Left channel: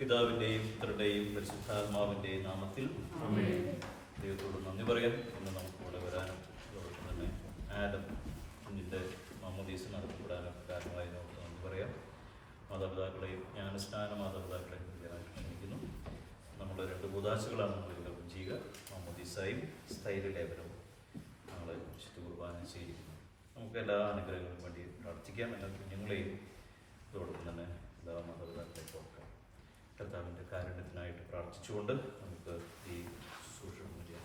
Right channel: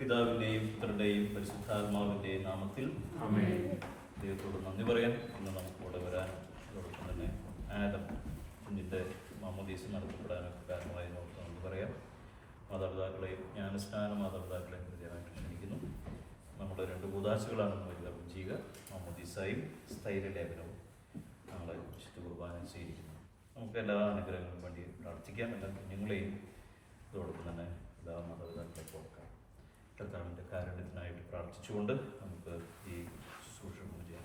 പിതാവിൻ്റെയും പുത്രൻ്റെയും പരിശുദ്ധാത്മാവിൻ്റെയും നാമത്തിൽ ദൈവത്തോട് നന്ദി പറയാം. ഇന്ന് നമുക്കിവിടെ വരാനും അതോടൊപ്പം തന്നെ ആദം കുഞ്ഞിൻ്റെ മാമോദീസ നടത്തപ്പെടാനൊക്കെ കാരണമായി നമുക്ക് നന്ദി പറയാം. മാതാപിതാക്കളെയും ജ്ഞാനസ്നാന മാതാപിതാക്കളെയും പ്രത്യേകമായിട്ട് ക്ഷണിക്കുന്നു. നമ്മുടെ 2 കൂദാശകളാണ് നമ്മൾ വിതരണം ചെയ്യുക. മാമോദീസായും സ്ഥൈര്യലേപനവും നമ്മൾ വിശുദ്ധ കുർബാന സ്വീകരിക്കുന്നു. നമുക്ക് എല്ലാ അനുഗ്രഹങ്ങളും വേണ്ടി പ്രാർത്ഥിക്കാം. എല്ലാ കുഞ്ഞുങ്ങളെയും അതോടൊപ്പം തന്നെ എല്ലാ മാതാപിതാക്കളെ ഓർക്കാം. കർത്താവിൻ്റെ കാരുണ്യത്തിനായിട്ട് പ്രാർത്ഥിച്ചുകൊണ്ട് നമുക്ക് ഈ ശുശ്രൂഷ ചെയ്യാം.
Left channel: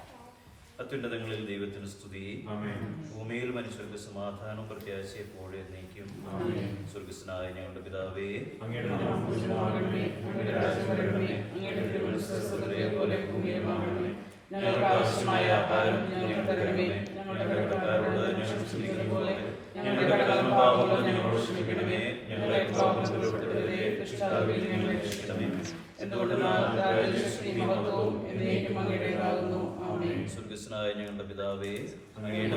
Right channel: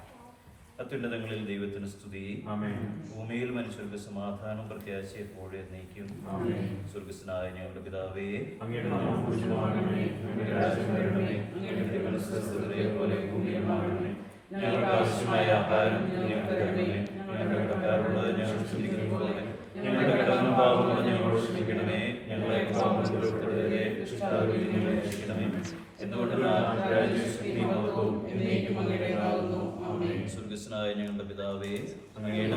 അത്യുന്നതങ്ങളിൽ ദൈവത്തിന് സ്തുതി. ഭൂമിയിൽ മനുഷ്യർക്ക് സമാധാനം പ്രത്യാശ എപ്പോഴും എന്നേക്കും. സ്വർഗസ്വനായ ഞങ്ങളുടെ പിതാവേ, ഞങ്ങൾക്ക് ആവശ്യമായ ആഹാരം ഞങ്ങൾക്ക് തരണമേ. ഞങ്ങളുടെ കടക്കാരോട് ഞങ്ങൾ ക്ഷമിക്കുന്നത് പോലെ ഞങ്ങളുടെ കടങ്ങളും പാപങ്ങളും ഞങ്ങളോട് ക്ഷമിക്കണമേ. ഞങ്ങളെ രക്ഷിക്കണമേ. സ്വർഗസ്വനായ ഞങ്ങളുടെ പിതാവേ, അങ്ങയുടെ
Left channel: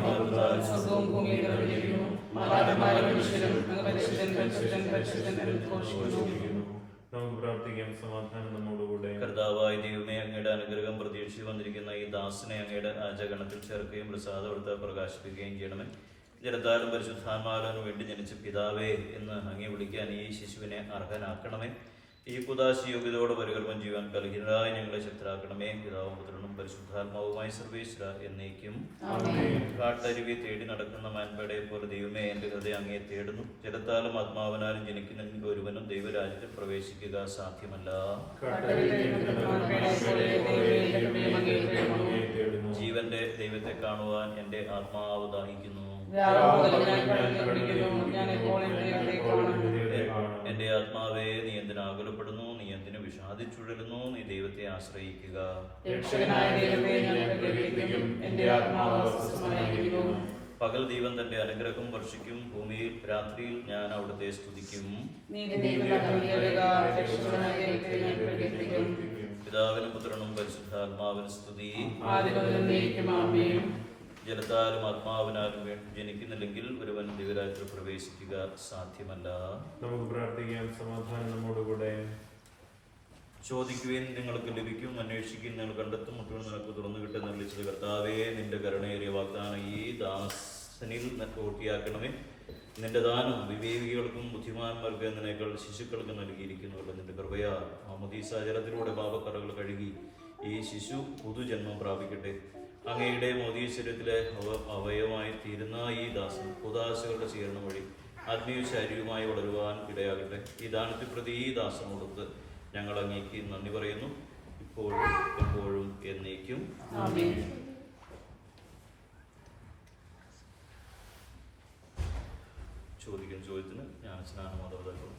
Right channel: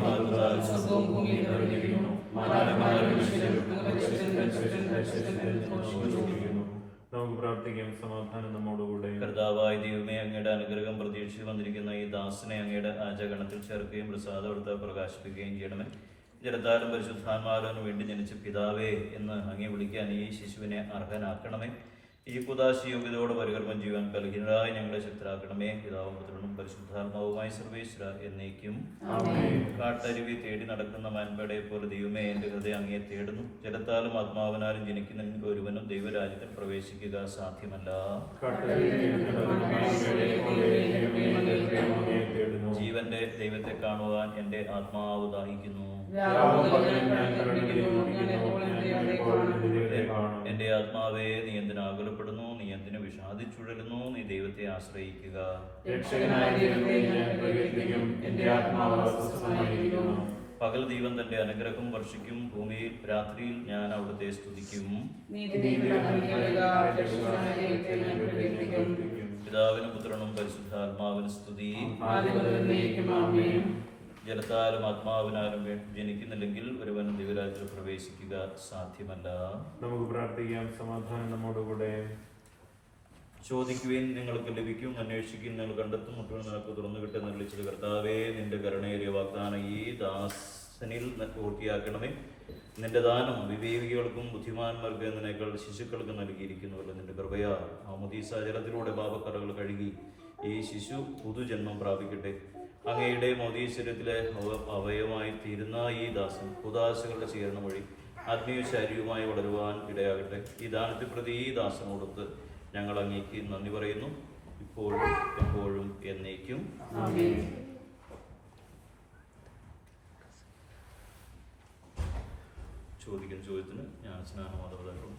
നമുക്ക് പ്രാർത്ഥിക്കാം. സമാധാനം നമ്മോടുകൂടെ. കർത്താവായ ദൈവമേ, അങ്ങയുടെ അനുഗ്രഹം പ്രതീക്ഷിച്ച് വന്നിരിക്കുന്ന ഈ ദാസനെ അങ്ങയുടെ ആചരണത്തിൽ ചേർക്കുകയും പ്രസാദമെടുത്ത് പ്രകാശിപ്പിക്കുകയും ചെയ്യണമേ. ജലത്താലും പരിശുദ്ധാത്മാവിനും വേണ്ടി ജനിച്ച പിതാവേ എന്ന് അങ്ങേ വിളിക്കാൻ ഈ ശിശുവിനെ അർഹനാക്കണമേ. ഈ കുദാശി യോഗ്യതയോടെ പരികർമ്മം ചെയ്യുവാൻ കലഹിതരായി ഞങ്ങളെ ശക്തരാക്കണമേ. പിതാവും പുത്രനും പരിശുദ്ധാത്മാവുമായി സർവേശ്വര എന്നേക്കും. കാട്ടരുവി തേടി നടക്കുന്ന മാൻപേടയെ പോലെ ദൈവമേ, എൻ്റെ ഹൃദയം അങ്ങയെ തേടുന്നു. ജലത്താലും ആത്മാവിനാലും ജനിക്കുന്ന ഒരുവനും ദൈവരാജ്യത്തിൽ പ്രവേശിക്കുക സാധ്യമല്ല. ജീവന്റെ ദൈവത്തെ കാണുവാൻ എൻ്റെ ആത്മാവ് ദാഹിക്കുന്നു. എന്റെ ആത്മാവേ, നീ എന്തിനു ആകുലപ്പെടുന്നു? നീ എന്തിനു വിഷാദിച്ചുഴലുന്നു? നീ ദൈവത്തെ ആശ്രയിക്കുക. പകൽ ദൈവം തന്റെ അനുഗ്രഹം വർഷിക്കും. ഭൂമിയിൽ രാത്രിയിൽ ഞാൻ അവിടുത്തെ സ്തുതിക്കും. പിതാവിനും പുത്രനും പരിശുദ്ധാത്മാവിന് സ്തുതി. ജലത്താലും ആത്മാവിനാലും ജനിക്കുന്നില്ലെങ്കിൽ ഒരുവൻ ദൈവരാജ്യത്തിൽ പ്രവേശിക്കുക സാധ്യമല്ല. നമുക്ക് പ്രാർത്ഥിക്കാം. സമാധാനം നമ്മോടുകൂടെ. ചോദിക്കുവിൻ, നിങ്ങൾക്ക് ലഭിക്കും. അന്വേഷിക്കും, നിങ്ങൾ കണ്ടെത്തും. മുട്ടുവിൻ, നിനക്ക് തുറന്നു കിട്ടും. നിർളിച്ചത് കർത്താവേ, നിന്റെ കരുണയേറിയ വാഗ്ദാനം ഈ ദാസനിൽ പൂർത്തിയാക്കണമേ. നിന്റെ ദാനം വിവേകികൾക്കും ബുദ്ധിമാന്മാർക്ക് എന്നതിനേക്കാൾ ശിശുക്കൾക്ക് നൽകിയിരിക്കുന്നുവല്ലോ. നിന്റെ കൃപയാ മാമോദീസ ജലത്തിലൂടെ പാപക്കറകൾ കഴുകി ഈ ശിശു പുതുജന്മം പ്രാപിക്കട്ടെ. അങ്ങയുടെ മോദീശ്വരത്തിലെ അവയവമായി തീരുന്ന ഈ ദാസൻ കുദാശകളുടെ സ്വീകരണം വഴി ആത്മീയ ശാരീരികമായി വളരുവാൻ ഇടയാകട്ടെ. ഈ ദാനത്തെ പ്രതി ഈ ദാസനോടൊത്ത് ഞങ്ങൾ അങ്ങേക്ക് നന്ദി പറയുന്നു, ഇപ്പോഴും എപ്പോഴും എന്നേക്കും. ചോദിക്കുന്ന ചോദ്യത്തിന് ജ്ഞാനസ്നാന മാതാപിതാക്കളും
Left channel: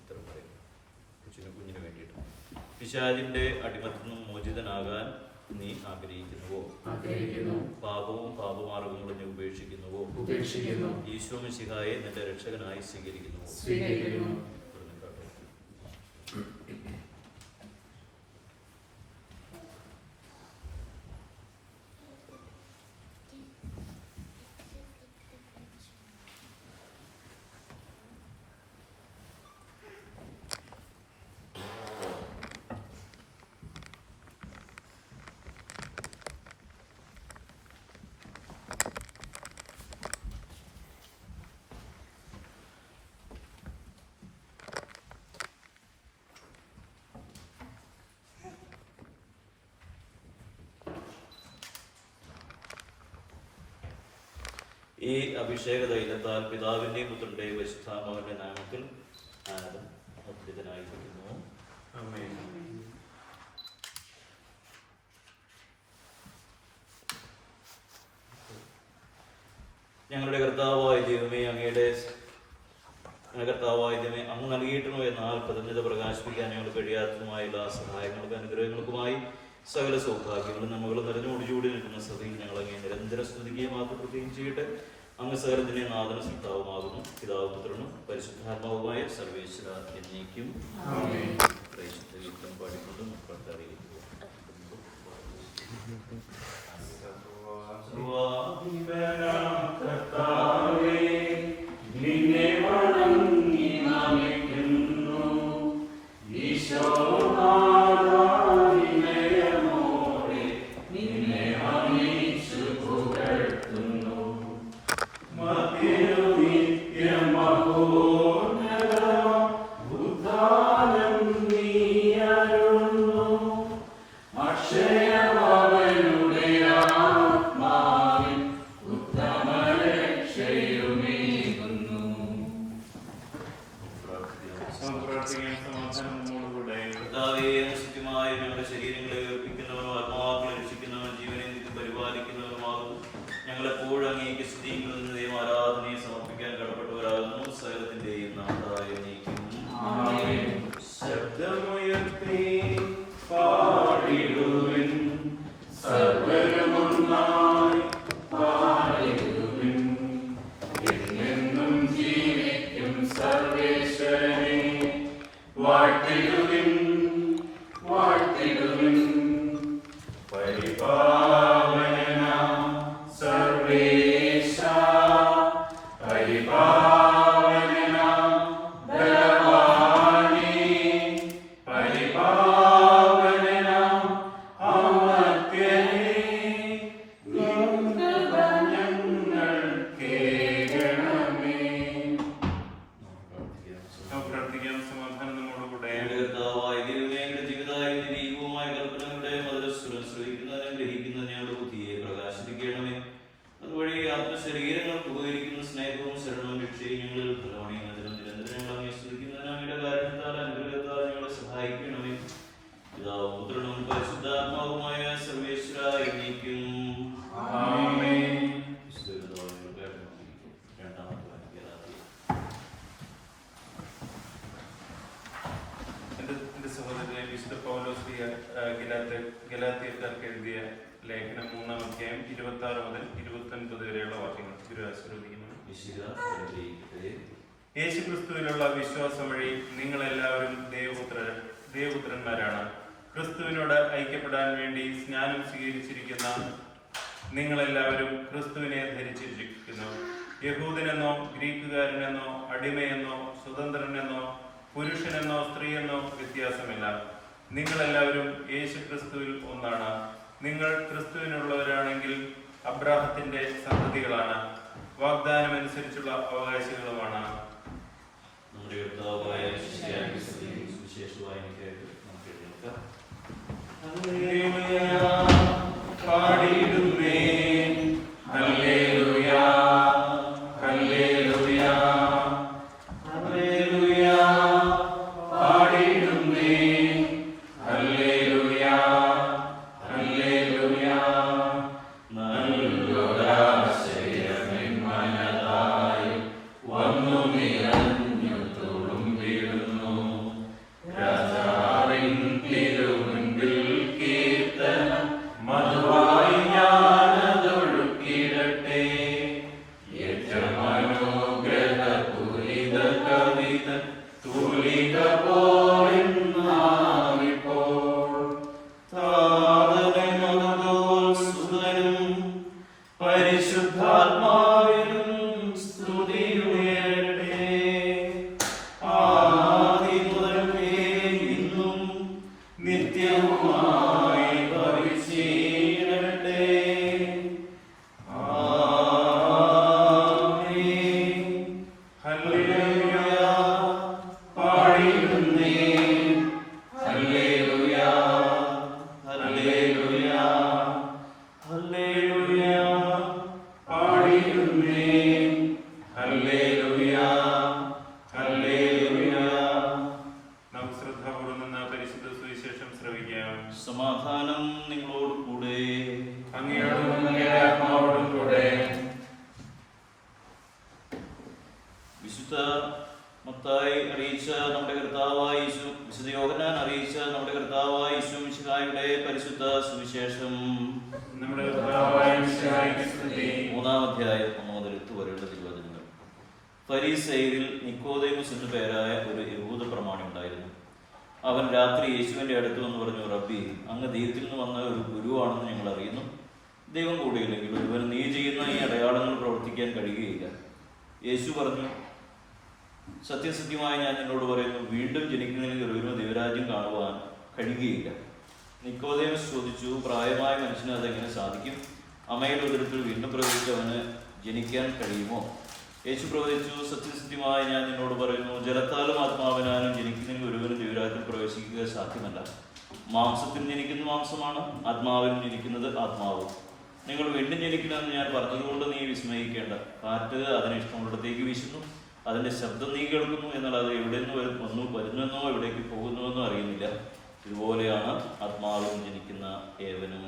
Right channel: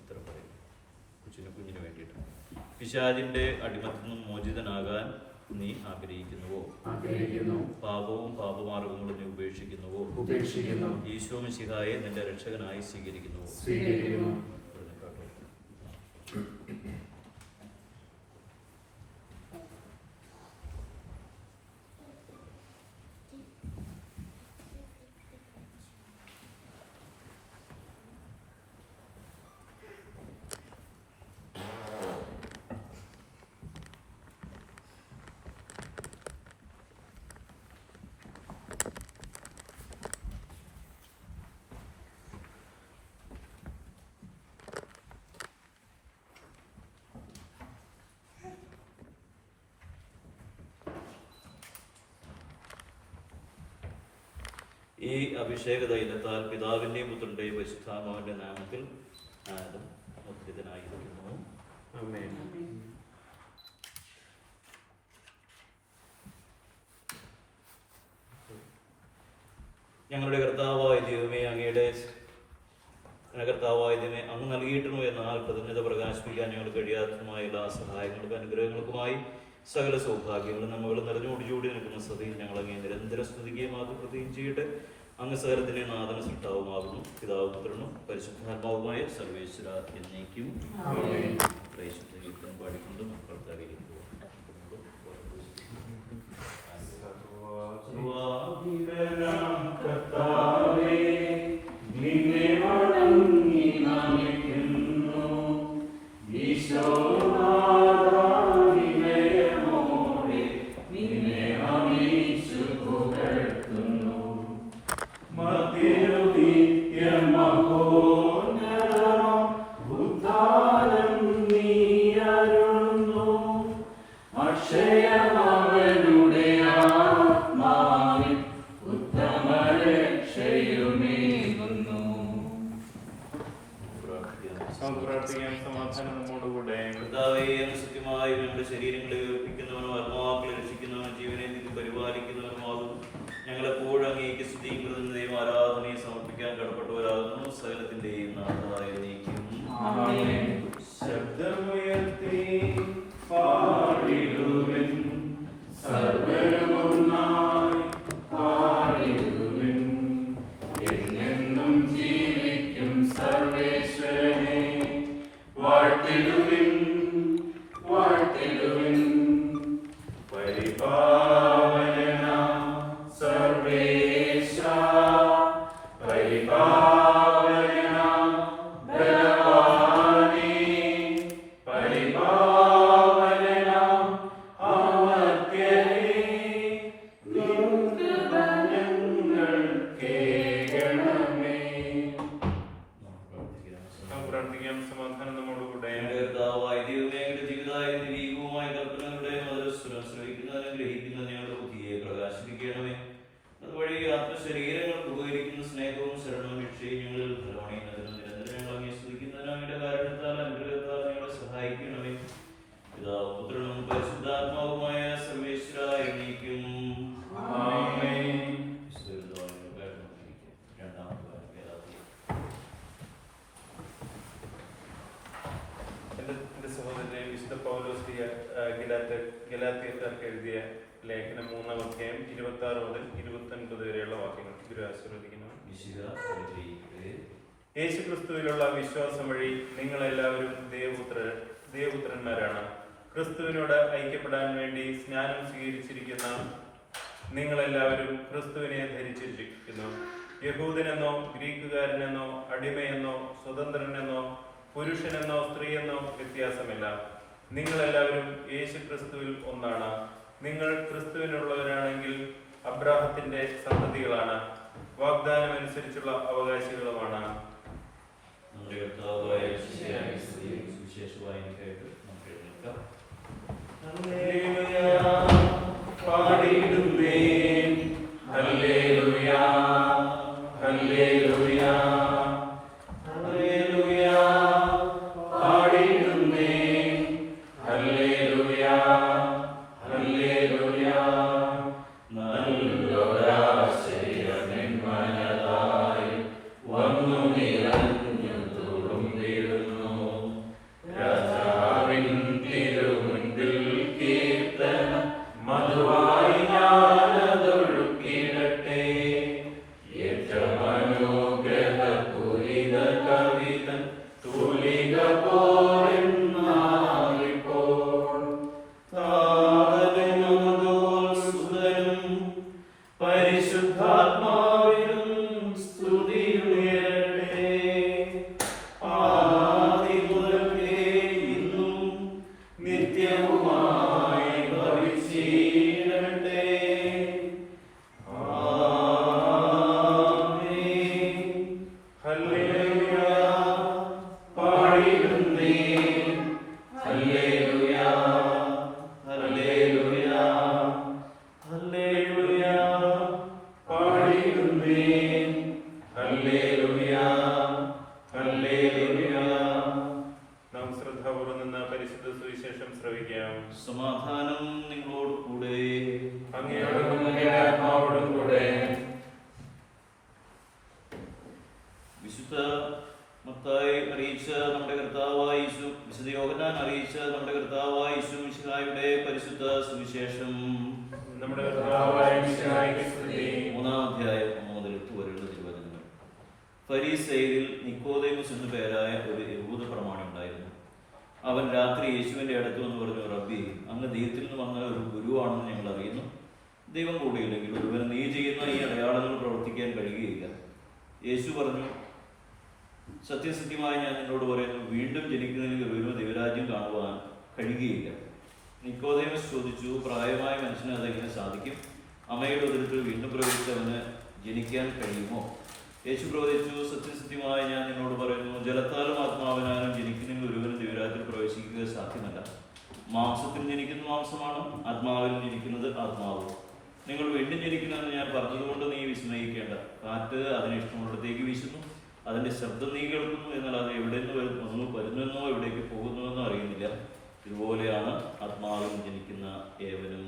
ഉത്തരം പറയുന്നു. കുഞ്ഞിന് വേണ്ടിയിട്ട്. പിശാചിന്റെ അടിമത്തിൽ നിന്നും മോചിതനാകാൻ നീ ആഗ്രഹിക്കുന്നുവോ? പാപവും പാപമാർഗങ്ങളും നീ ഉപേക്ഷിക്കുന്നുവോ? ഈശോ മിശിഹായെ നിന്റെ രക്ഷകനായി സ്വീകരിക്കുന്നുവോ? ഈ അഭിഷേക തൈലത്താൽ പിതാവിന്റെയും പുത്രന്റെയും പരിശുദ്ധാത്മാവിന്റെ നാമത്തിൽ ആദം അദ്ഭുതനായിരിക്കുന്നു. ആമേൻ. ഞങ്ങളുടെ കർത്താവായ ദൈവമേ, അങ്ങ് നൽകിയിട്ടുണ്ടോ എന്നാൽ പ്രതിജ്ഞത പ്രകാശിപ്പിക്കാൻ ഞങ്ങൾ കഴിയാത്തതുമായ എല്ലാ സഹായങ്ങൾക്കും അനുഗ്രഹങ്ങൾക്കുമായി സകല സൗഭാഗ്യങ്ങളും നമ്മളും നിറഞ്ഞു ഒടിച്ചുകൂടി നിൽക്കുന്ന സ്ഥിതിയിൽ ഞങ്ങൾ അങ്ങേ നിരന്തര സ്തുതിക്കുകയും പ്രത്യേകം ചെയ്യട്ടെ. അങ്ങ് സകലത്തിന്റെ നാഥന സൃഷ്ടാവുമാകുന്നു. പിതാവ് പുത്രനും പരിശുദ്ധാത്മാവുമായ സർവേശ്വര എന്നേക്കും. പാടിക്കൊണ്ട് മക്കൾക്കറിയിക്കും. നിന്നെ വണങ്ങി നമിക്കുന്നു ഈശോ. ശരീരങ്ങളെ ഉയർപ്പിക്കുന്നവരും ആത്മാക്കളെ രക്ഷിക്കുന്നവൻ ജീവനെ നിത്യം പരിപാലിക്കുന്നവരുമാകും. ഞങ്ങളെപ്പോഴും അങ്ങേക്ക് സ്തുതിയും ദൈവം ആരാധനയെ സമർപ്പിക്കാൻ കടപ്പെട്ടവരാകുന്നു. സകലത്തിന്റെയും നാഥായ നീക്കും ശബ്ദമുയർത്തി പാടിടുവിൻ, സർവ്വരുമൊന്നായി പാടിടുവിൻ. എന്നെന്നും ജീവിക്കും സർവേശ്വരനെ വാഴ്ത്തിടുവിൻ, വാഴ്ത്തിടുവിൻ. പരിപാവനാം സർവേശ, പരിപാവനാം ബലവാനേ, പരിപാവനാം അമർത്യനേ, നിൻകൃപ ഞങ്ങൾ കേൾക്കണമേ. പ്രാർത്ഥിക്കാം. സമാധാനം നമ്മോടുകൂടെ. ജീവിതവുമായ കൽപ്പനകളുടെ മധുരസ്വരം ശ്രവിക്കുന്നതിനും ഗ്രഹിക്കുന്നതിനും ഞങ്ങളുടെ ബുദ്ധിയെ പ്രകാശിപ്പിക്കണമേ. അതുവഴി ആത്മശരീരങ്ങൾക്ക് ഉപകരിക്കുന്ന സ്നേഹവും ശരണവും രക്ഷയും ഞങ്ങളിൽ പ്രധാനിക്കുന്നതിനും നിരന്തരം സ്തുതിക്കുന്നതിനും അങ്ങയുടെ കാരണത്താൽ അനുഗ്രഹത്താൽ ഞങ്ങളെ സഹായിക്കണമേ. പിതാവും പുത്രനും പരിശുദ്ധാത്മാവുമായ സർവേശ്വര എന്നേക്കും ആമേൻ. എന്റെ സഹോദരനെ വിശുദ്ധ പൗലോസ് ഗലാത്യക്കാർക്ക് എഴുതിയ ലേഖനം 3-ാം അധ്യായം 26 മുതൽ 29 വരെയുള്ള വാക്യങ്ങൾ ആശീർവദിക്കുന്നു. യേശുക്രിസ്തുവിലുള്ള വിശ്വാസം വഴി നിങ്ങളെല്ലാവരും ദേവപുത്രന്മാരാണ്. ക്രിസ്തുവിനോട് ഐക്യപ്പെടാൻ വേണ്ടി സ്നാനം സ്വീകരിച്ചിരിക്കുന്ന നിങ്ങളെല്ലാവരും ക്രിസ്തുവിനെ ധരിച്ചിരിക്കുന്നു. യഹൂദനെന്നോ ഗ്രീക്കുകാരനെന്നോ അടിമയെന്നോ സ്വതന്ത്രനെന്നോ പുരുഷനെന്നോ സ്ത്രീയെന്നോ വ്യത്യാസമില്ല. നിങ്ങളെല്ലാവരും യേശു ക്രിസ്തുവിൽ ഒന്നാണ്. നിങ്ങൾ ക്രിസ്തുവിനുള്ളവരാണെങ്കിൽ അബ്രാഹത്തിന്റെ സന്തതികളാണ്, വാഗ്ദാനം അനുസരിച്ചുള്ള അവകാശികളുമാണ്. സമാധാനം നിങ്ങളോട് കൂടെ. വിശുദ്ധ മത്തായി അറിയിച്ച നമ്മുടെ കർത്താവായ യേശു, വിശുദ്ധ യോഹന്നാൻ അറിയിച്ച നമ്മുടെ കർത്താവായ യേശു മിശിഹായുടെ പരിശുദ്ധ സുവിശേഷം 3-ാം അധ്യായം 1 മുതൽ 8 വരെയുള്ള തിരുവചനങ്ങൾ. ഫരീസയരിൽ നിക്കോദേമസ് എന്നു പേരായ ഒരു യഹൂദ പ്രമാണി ഉണ്ടായിരുന്നു. അവൻ രാത്രി യേശുവിന്റെ അടുത്ത് വന്ന് പറഞ്ഞു, റബ്ബി, അങ്ങ് ദൈവത്തിൽ നിന്ന് വന്ന ഒരു ഗുരുവാണെന്ന് ഞങ്ങൾ അറിയുന്നു. ദൈവം കൂടിയില്ലെങ്കിൽ ഒരുവന് നീ ചെയ്യുന്ന ഈ അടയാളങ്ങൾ പ്രവർത്തിക്കാൻ കഴിയുകയില്ല. യേശു പറഞ്ഞു, സത്യസത്യമായി ഞാൻ നിന്നോട് പറയുന്നു, വീണ്ടും ജനിക്കുന്നതിന് ഒരുവനും ദൈവരാജ്യം കാണുവാൻ കഴിയുകയില്ല. നിക്കോദേമസ് ചോദിച്ചു, പ്രായമായ മനുഷ്യന് അതെങ്ങനെ സാധിക്കും? അമ്മയുടെ ഉദരത്തിൽ വീണ്ടും പ്രവേശിച്ചവന് ജനിക്കാൻ കഴിയുമോ? യേശു പ്രവചിച്ചു, സത്യസത്യമായി ഞാൻ നിന്നോട് പറയുന്നു, ജലത്താലും ആത്മാവിനാലും ജനിക്കുന്നതിന് ഒരുവനും ദൈവരാജ്യത്തിൽ പ്രവേശിക്കുക സാധ്യമല്ല. മാംസത്തിൽ ജനിക്കുന്ന മാംസമാണ്, ആത്മാവിൽ ജനിക്കുന്നത് ആത്മാവും. നിങ്ങൾ വീണ്ടും ജനിക്കണമെന്ന് ഞാൻ പറഞ്ഞതുകൊണ്ട് നീ വിസ്മയിക്കേണ്ട. കാറ്റ് അതിന് ഇഷ്ടമുള്ളിടത്തേക്ക് വീശുന്നു, അതിന്റെ ശബ്ദം നീ കേൾക്കുന്നു, എന്നാൽ അത് എവിടെ നിന്ന് വരുന്നുവെന്നോ എവിടേക്ക് പോകുന്നുവെന്നോ അറിയുന്നില്ല. ഇതുപോലെയാണ് ആത്മാവിൽ ജനിക്കുന്ന ഏവനും.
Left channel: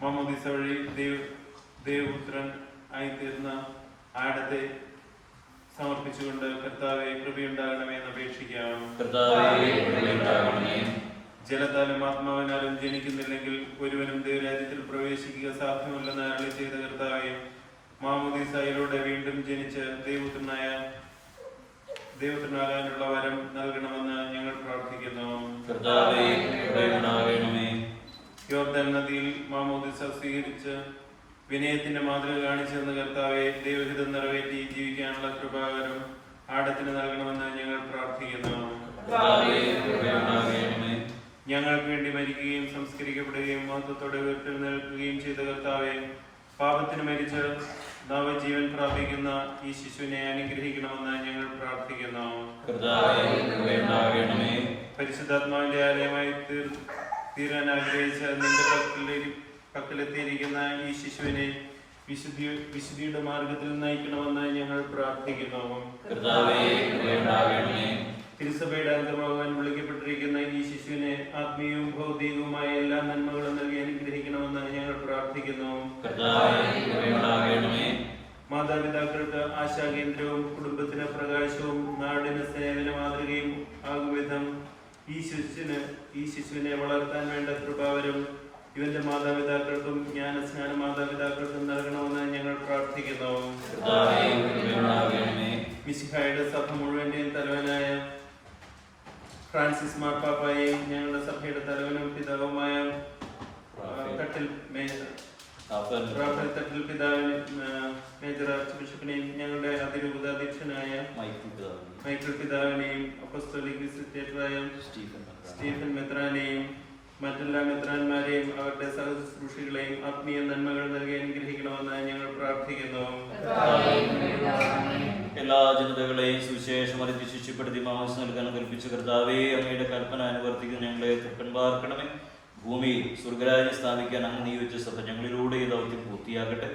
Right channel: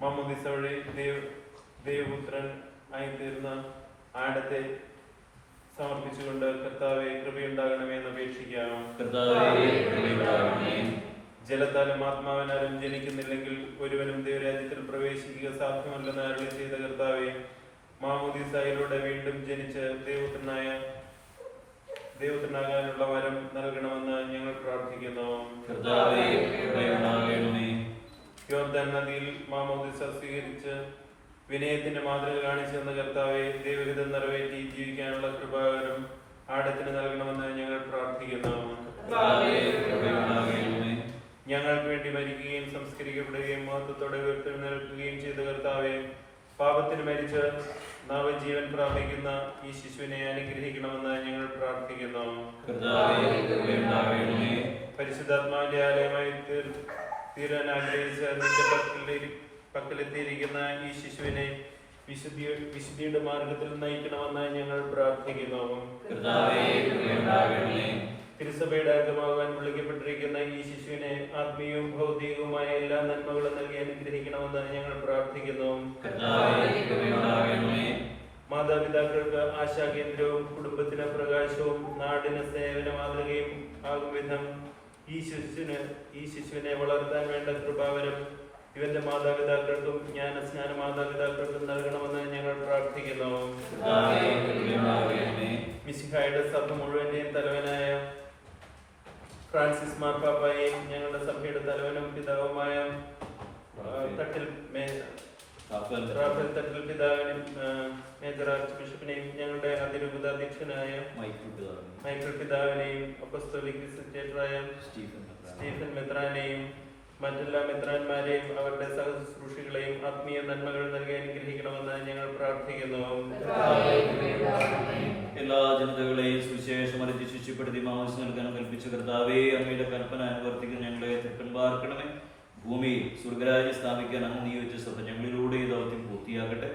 മാമോദീസ വഴി ദൈവപുത്രൻ ആയിത്തീർന്ന ആടത്തെ സമർപ്പിച്ചുകൊണ്ട് കർത്താവെ കൃപയുണ്ടാകണമേ എന്ന് അപേക്ഷിക്കാം. ജലത്താലും ആത്മാവിനാലും ജനിക്കുന്നില്ലെങ്കിൽ ഒരുവനും ദൈവരാജ്യത്തിൽ പ്രവേശിക്കുക സാധ്യമല്ലെന്ന് അരുളി ചെയ്ത കർത്താവെ, മാമോദീസയിലൂടെ വീണ്ടും ജനിച്ച് ദൈവപുത്രനാകാനുള്ള വരം നൽകണമെന്ന് ഞങ്ങൾ പ്രാർത്ഥിക്കുന്നു. യോർദാൻ നദിയിൽ മാമോദീസ സ്വീകരിച്ച് വിനയത്തിന്റെ മാതൃക കാണിച്ചു തന്ന കർത്താവെ, ദൈവഹിതം നിറവേറ്റി ജീവിക്കാനുള്ള കൃപാവരം ആടത്തിന് നൽകണമെന്ന് ഞങ്ങൾ പ്രാർത്ഥിക്കുന്നു. ഞങ്ങൾക്ക് വേണ്ടി മരിക്കുകയും സംസ്കരിക്കപ്പെടുകയും മഹത്വത്തോടെ ഉയർത്തെഴുന്നേൽക്കുകയും ചെയ്ത കർത്താവെ, പാപത്തിന് മരിച്ച് നവജീവൻ പ്രാപിക്കുന്ന ഈ ശിശുവിനെ അനുഗ്രഹിക്കണമെന്ന് ഞങ്ങൾ പ്രാർത്ഥിക്കുന്നു. പരിശുദ്ധാത്മാവിന്റെ ആലയമായി തീരാൻ ആഗ്രഹിച്ച നിന്റെ പക്കലെത്തിയിരിക്കുന്ന ഈ ശിശുവിനെ വിശുദ്ധിയുടെ മാർഗത്തിൽ നയിക്കണമെന്ന് ഞങ്ങൾ പ്രാർത്ഥിക്കുന്നു. തിരുസഭയുടെ അംഗമാകാൻ വിളിക്കപ്പെട്ടിരിക്കുന്ന ഈ ശിശുവിനെ ആത്മീയവും ഭൗതികവുമായ എല്ലാ നന്മകളും നൽകി അനുഗ്രഹിക്കണമെന്ന് ഞങ്ങൾ പ്രാർത്ഥിക്കുന്നു. മാതാപിതാക്കൾക്ക് ആശാകേന്ദ്രവും കുടുംബത്തിന് പ്രകാശവും നാടിന് സേവന മാതൃകയും ആകും വിധം ഈ ശിശുവിനെ വളർത്താൻ വേണ്ട കൃപാവരം ഇവന്റെ മാതാപിതാക്കൾക്കും ജ്ഞാനസ്നാന മാതാപിതാക്കൾക്കും നൽകണമെന്ന് ഞങ്ങൾ പ്രാർത്ഥിക്കുന്നു. മിശിഹായുടെ സഭ മുഴുവന്റെയും തലവനായ ഫ്രാൻസിസ് മാർപ്പാപ്പായെയും ഞങ്ങളുടെ സഭയുടെ തലവനും പിതാവുമായ റാഫേൽ തട്ടിൽ പിതാവിനും മേജർ ആർച്ച് ബിഷപ്പിനെയും ഞങ്ങളുടെ അതിരൂപതാധ്യക്ഷനായ മൈക്കിൾ പിതാവിനെയും അപ്പസ്തോലിക് വിസിറ്റേറ്ററായ സ്റ്റീഫൻ മെത്രാനെയും മറ്റെല്ലാ മെത്രാന്മാരെയും അവരുടെ സഹശുശ്രൂഷികളെയും ആത്മീയ നന്മകൾ നൽകി അനുഗ്രഹിക്കണമെന്ന് ഞങ്ങൾ പ്രാർത്ഥിക്കുന്നു. എല്ലാ ജനതകളെയും സുവിശേഷം അറിയിച്ച് ശിഷ്യപ്പെടുത്തി മാംസം നൽകാൻ കൽപ്പിച്ച കർത്താവേ, അങ്ങയുടെ കൽപ്പന അനുവർത്തിക്കുന്ന ഞങ്ങളെ തെക്കൻ പാർക്കണമേ. ഭൂമിയിൽ സ്വർഗരാജ്യം സ്ഥാപിക്കാൻ അങ്ങ് നിയോഗിച്ച സഭ ഞങ്ങളിലൂടെ ഈ ദൗത്യം പൂർത്തിയാകട്ടെ.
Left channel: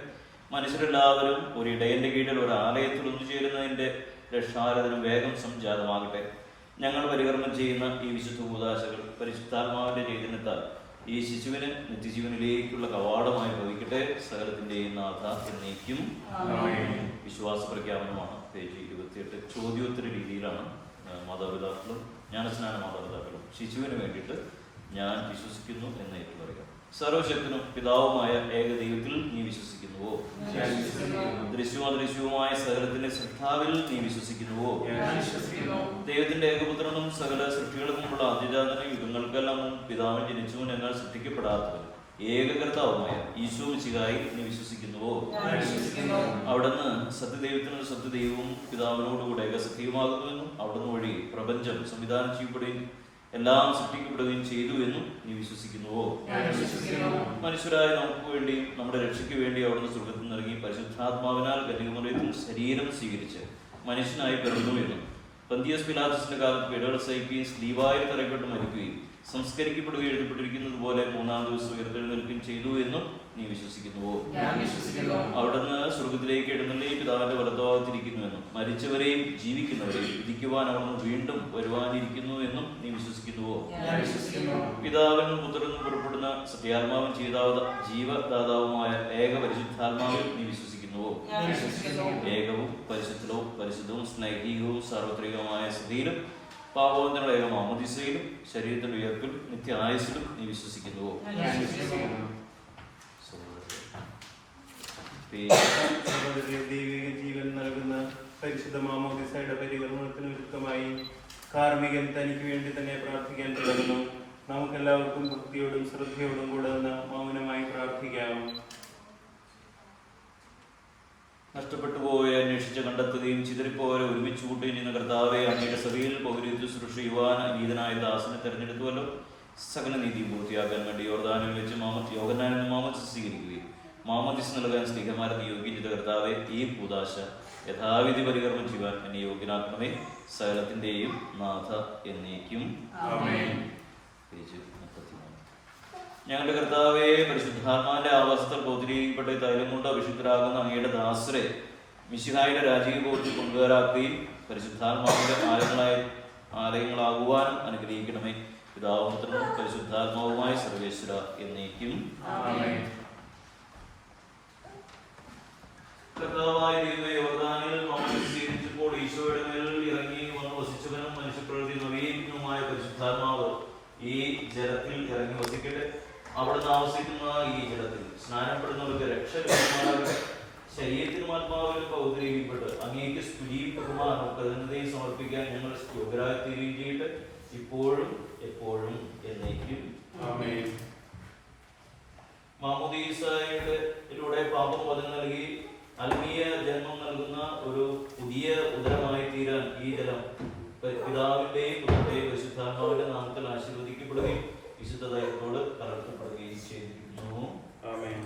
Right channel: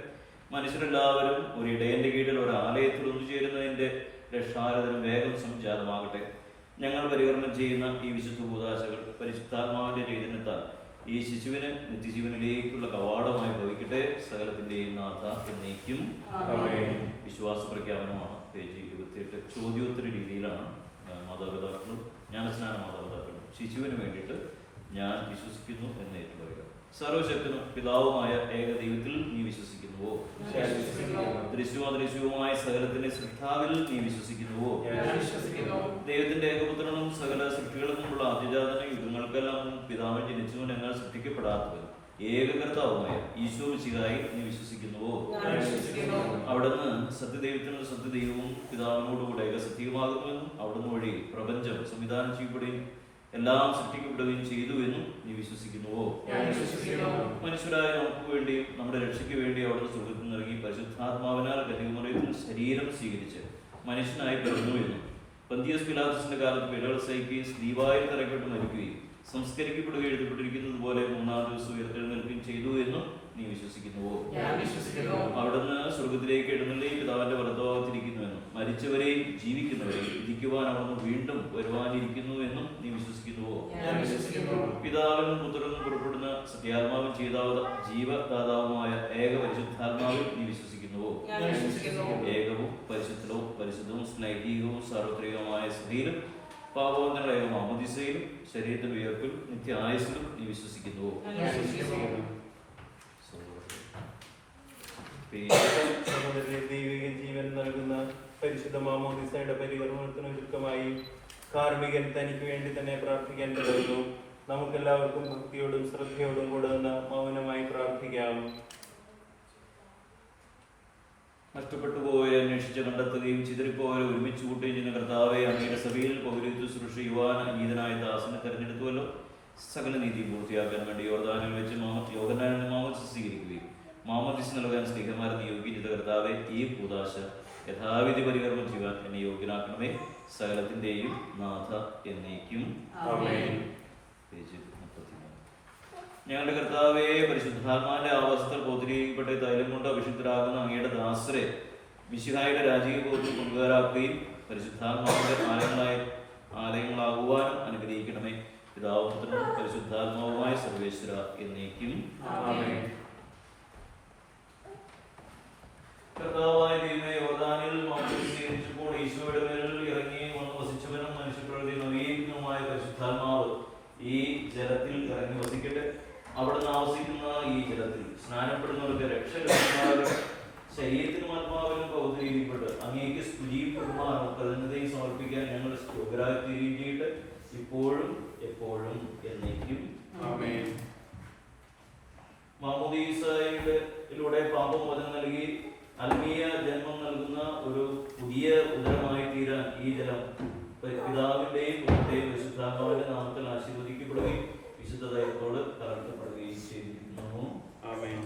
മനുഷ്യരെല്ലാവരും ഒരു ഇടയന്റെ കീഴിൽ ഒരു ആലയത്തിൽ ഒന്നുചേരുന്നതിന്റെ രക്ഷാരഥനം വേഗം സംജാതമാകട്ടെ. ഞങ്ങൾ പരികർമ്മം ചെയ്യുന്ന ഈ വിശുദ്ധ കൂദാശകൾ പരിശുദ്ധാത്മാവിന്റെ രീതിനിട്ടാൽ ഈ ശിശുവിന് നിത്യജീവനിലേക്കുള്ള കവാടമായി ഭവിക്കട്ടെ. സകലത്തിന്റെയും നാഥ എന്നേക്കും. വിശ്വാസ പ്രഖ്യാപനമാണ്. പേജ് 28. ചോദ്യോത്തര രീതിയിലാണ് മാതാപിതാക്കളും ജ്ഞാനസ്നാന മാതാപിതാക്കളും ശിശുവിന് വേണ്ടിയിട്ട് ഞാൻ വിശ്വസിക്കുന്നു എന്ന് ഏറ്റുപറയുക. സർവശക്തനും പിതാവുമായ ഏക ദൈവത്തിൽ നീ വിശ്വസിക്കുന്നുവോ? ദൃശ്യവുമായ സകലത്തിന്റെ ശ്രദ്ധാവിൽ നീ വിശ്വസിക്കുന്നുവോ? ദൈവത്തിന്റെ ഏകപുത്രനും സകല സൃഷ്ടികൾക്കുമുള്ള ആദ്യജാതനും യുഗങ്ങൾക്കെല്ലാം പിതാവിൽ ജനിച്ചവൻ എന്നാൽ സൃഷ്ടിക്കപ്പെടാത്തവൻ ഏകകർത്താവുമായ ഈശോ മിശിഹായിൽ നീ വിശ്വസിക്കുന്നുവോ? അവിടുന്ന് സത്യദൈവത്തിനും സത്യദൈവവും പിതാവിനോടുകൂടെ ഏകസത്യവുമാകുന്നുവെന്നും അവിടുന്ന് വഴി പ്രപഞ്ചം സംവിധാനം ചെയ്യപ്പെടുകയും എല്ലാം സൃഷ്ടിക്കപ്പെടുകയും ചെയ്തു എന്നും നീ വിശ്വസിക്കുന്നുവോ? മനുഷ്യരായ നമുക്ക് വേണ്ടിയും നമ്മുടെ രക്ഷയ്ക്ക് വേണ്ടി അവിടുന്ന് സ്വർഗ്ഗത്തിൽ നിന്നിറങ്ങി പരിശുദ്ധാത്മാവിനാൽ കന്യകമറിയത്തിൽ ശരീരം സ്വീകരിച്ച് മനുഷ്യനായി പിറന്നു എന്നും പന്തിയസ് പിലാത്തോസിന്റെ കാലത്ത് പിഴകൾ സഹിക്കുകയും സ്ലീവായിൽ തറയ്ക്കപ്പെട്ട് മരിക്കുകയും സംസ്കരിക്കപ്പെടുകയും എഴുതപ്പെട്ടിരിക്കുന്നത് പോലെ മൂന്നാം ദിവസം ഉയർത്തെഴുന്നേൽക്കുകയും ചെയ്തു എന്നും നീ വിശ്വസിക്കുന്നുവോ? അവിടുന്ന് സ്വർഗത്തിലേക്ക് എഴുന്നള്ളി പിതാവിന്റെ വലത്തുഭാഗത്തിരിക്കുന്നുവെന്നും മരിച്ചവരെയും ജീവിക്കുന്നവരെയും വിധിക്കുവാൻ അവിടുന്ന് വീണ്ടും വരുവാനിരിക്കുന്നു എന്നും നീ വിശ്വസിക്കുന്നുവോ? പിതാവിനും പുത്രനും പുറപ്പെടുന്ന സത്യാത്മാവും ജീവദാതാവുമായ ഏക പരിശുദ്ധാത്മാവിൽ നീ വിശ്വസിക്കുന്നുവോ? ഏകവും പരിശുദ്ധവും സ്നൈതികവും സാർവത്രികവുമായ സ്ഥിതിയിലും പാപബോധനയുടെ ഏക മാമോദീസയിലും ശരീരത്തിന്റെ ഉയർപ്പിൽ നിത്യ ആയുസ്സിലും നീ വിശ്വസിക്കുന്നുവോ? ജീവൻ നൽകുന്ന പരിശുദ്ധ മാമോദീസയുടെ പരികർമ്മത്തിന് വിരുദ്ധമായി കാർമികൻ തനിക്ക് വേണ്ടി തന്നെ പ്രാർത്ഥിക്കാൻ തുടങ്ങുന്നു. നമുക്കെല്ലാവർക്കും ഭക്തിയോടും ശ്രദ്ധയോടും കൂടെ ഒന്ന് മൗനമായി പ്രാർത്ഥിക്കാം. നഷ്ടപ്പെട്ടു പോയവരെ അന്വേഷിച്ച് കണ്ടെത്തുകയും ചിതറിപ്പോയവരെ ഒരുമിച്ച് കൂട്ടുകയും ചെയ്യുന്ന കർത്താവെ, അങ്ങയുടെ സഭയിൽ പൗരോഹിത്യ ശുശ്രൂഷ ചെയ്യുവാൻ നീതനായ ദാസനെ തെരഞ്ഞെടുത്തുവല്ലോ. സകല നീതിയും പൂർത്തിയാക്കാൻ വേണ്ടി യോർദാനിൽ വെച്ച് യോഹന്നാനിൽ മാമോദിസ സ്വീകരിക്കുകയും മാമോദിസ നൽകാൻ സ്നേഹമാരെ നിയോഗിക്കുന്ന കർത്താവെ, ഈ കൂദാശ യഥാവിധി പരികർമ്മം ചെയ്യുവാൻ എന്നെ യോഗ്യനാക്കണമേ. സകലത്തിന്റെയും നാഥ എന്നേക്കും. ഞങ്ങളുടെ കർത്താവേ, പരിശുദ്ധാത്മാവിന്റെ ആവാസത്തിൽ പൗത്രീകപ്പെട്ട തൈലം കൊണ്ട് അഭിഷിക്തരാകുന്ന അങ്ങയുടെ ദാസരെ മിശിഹായുടെ രാജകീയ ബോധത്തിൽ കൊണ്ടുവരാക്കുകയും പരിശുദ്ധാത്മാവിന്റെ ആലയങ്ങളാകുവാനും അനുഗ്രഹിക്കണമേ. പിതാവും പുത്രനും പരിശുദ്ധാത്മാവുമായ സർവേശ്വര എന്നേക്കും. കർത്താവായ ദൈവമേ, യോർദാനിൽ സ്വീകരിച്ചപ്പോൾ ഈശോയുടെ മേലിൽ ഇറങ്ങി വന്ന് വസിച്ചവനും മനുഷ്യപ്രകൃതി നവീകരിക്കുന്നതുമായ പരിശുദ്ധാത്മാവ് ഈ ജലത്തിൽ ഇറങ്ങി വസിക്കട്ടെ. അവിടുന്ന് ആവസിക്കുന്ന ഈ ജലത്തിൽ സ്നാനപ്പെടുന്നവർക്ക് രക്ഷ ലഭിക്കുമാറാകട്ടെ. ശരീരത്തിനും ആത്മാവിനും പൗത്രീകരിക്കപ്പെട്ട് അങ്ങേക്ക് സ്തുതിയും ബഹുമാനവും കൃതജ്ഞതയും സമർപ്പിക്കാൻ ഞങ്ങൾ യോഗ്യരായി തീരുകയും ചെയ്യട്ടെ, ഇപ്പോഴും എപ്പോഴും എന്നേക്കും. മാമോദീസയിലൂടെ പാപമോചനം നൽകി ആത്മീയ ജന്മം നൽകുന്ന ഒരു പുതിയ ഉദരമായി തീരാൻ ഈ ജലം പിതാവിന്റെയും പുത്രന്റെയും പരിശുദ്ധാത്മാവിന്റെ നാമത്തിൽ ആശീർവദിക്കപ്പെടുകയും വിശുദ്ധ ദൈവത്തോട് കലർത്തപ്പെടുകയും ചെയ്തിരിക്കുന്നു. ആമേൻ.